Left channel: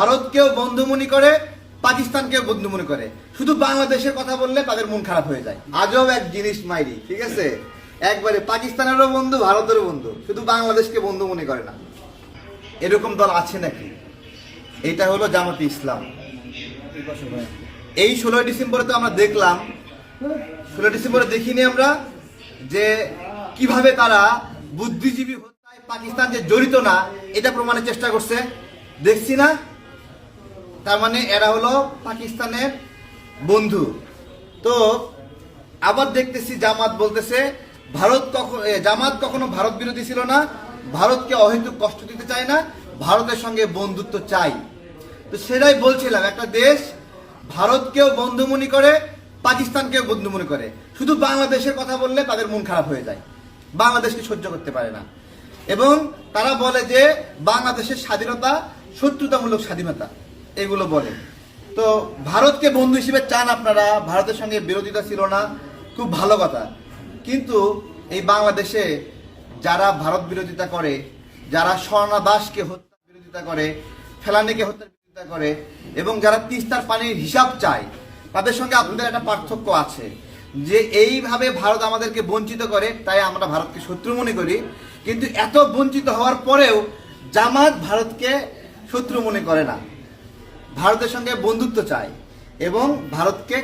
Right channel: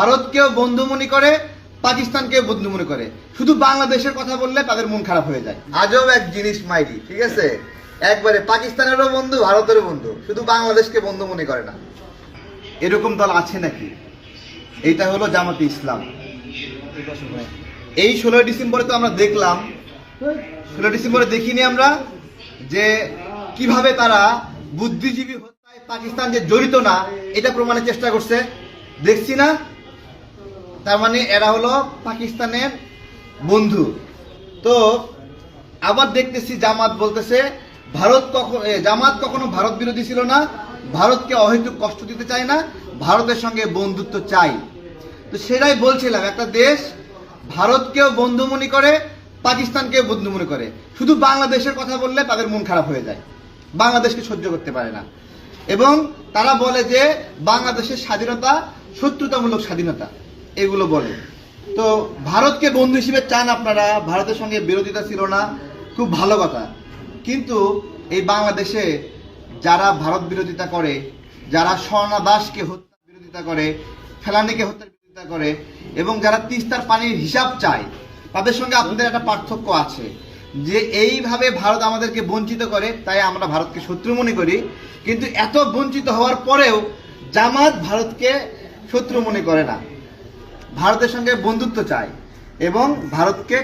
ভারতকেও বন্ধু মনে করে, পাকিস্তানকেও বন্ধু মনে করে। শুধু বাংলাদেশের কথা বললে তাদের মন খারাপ হয়ে যায়। আজব এক জিনিস মাইরি, ঠিক আছে? একবারে পাকিস্তানেরও বন্ধু, ভারতেরও বন্ধু, শুধু বাংলাদেশকে বন্ধু মনে করে না। এরকম দল আছে নাকি? এইটা হলো জামাতে ইসলাম। এই 16 ডিসেম্বরে তো আমরা দেখলাম, 16 ডিসেম্বরে দেখিনি আমরা যে কিভাবে তারা বুদ্ধিজীবী হত্যায় পাকিস্তান যে জড়িত না এটা প্রমাণের চেষ্টা করছে, দেখছি না? তার মানে এরা হলো পাকিস্তানের বন্ধু। তো আবার দেখতেছি জামাত বলতেছে জামাত কখনো ভারত বিরোধী ছিল না, ভারতকে অহেতুক কষ্ট দিতে চায় না, ভারতের সঙ্গে বন্ধুত্ব চাই। তো সেটাই বলছিলাম, একটা দেশ ভারতকেও বন্ধু মনে করে, পাকিস্তানকেও বন্ধু মনে করে। শুধু বাংলাদেশের কথা বললে তাদের মন খারাপ হয়ে যায়, বাংলাদেশকে সহ্য করতে পারে না। এবং তারা বলে যে বাংলাদেশের স্বাধীনতা শত্রুতামূলক স্বাধীনতা, এগুলো বলে। তো ভারতকে বন্ধু হিসেবে চান আপনারা, ভারতের সঙ্গে বিরোধিতা ছিল না, খুব ভালো কথা। কিন্তু এই বাংলাদেশে যারা ভারত বিরোধিতা করে, যারা স্বর্ণা দাসকে হত্যার বিরোধিতা করে, ফেলানীকে হত্যার বিরোধিতা করে, এবং যারা তিস্তার পানির হিসাব চায়, তাদের সঙ্গে আপনাদের একটা পার্থক্য আছে যে এইভাবে ভারত আমাদেরকে বঞ্চিত করে, তাই আমরা ভারতকে শত্রু মনে করি। কিন্তু এত বঞ্চিত হওয়ার পরেও জামাত ভারতকে শত্রু মনে করে না, ভারতের সঙ্গে বন্ধুত্ব চায় এবং ভারতকে